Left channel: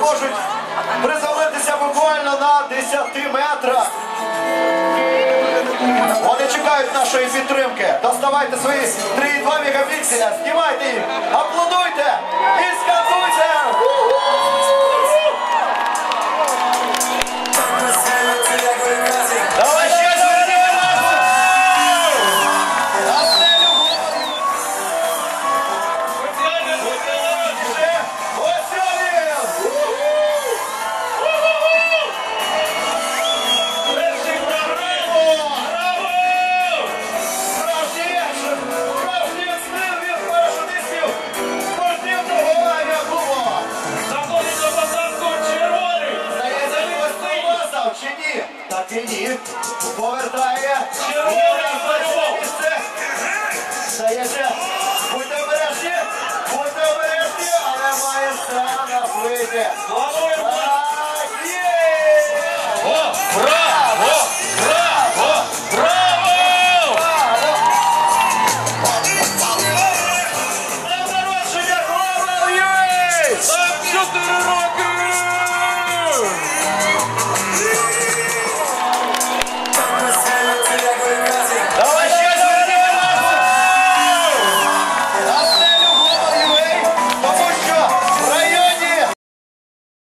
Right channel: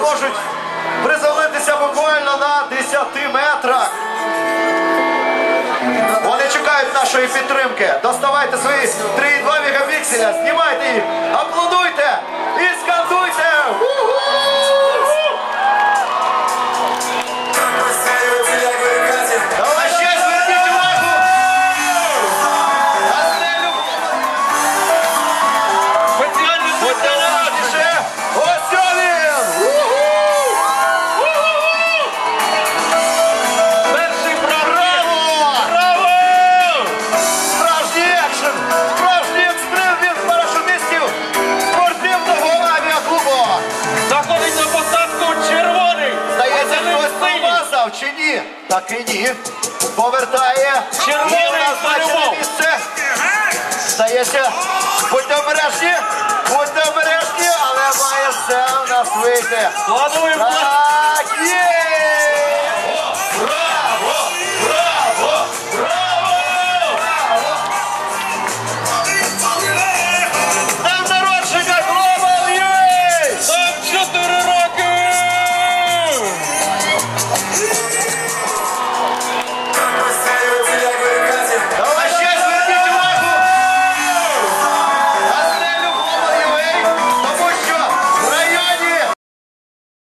зможуть приземлитися буквально на 10 метрах. Вони чекають нашої підтримки. Доставайте свої 3,2 мегапікселя, знімайте їх, чи ні? Так і ні. Повертає. Червоний І назначене місце. Здається, будьте обережні, будьте обережні, але має все в нас вийти.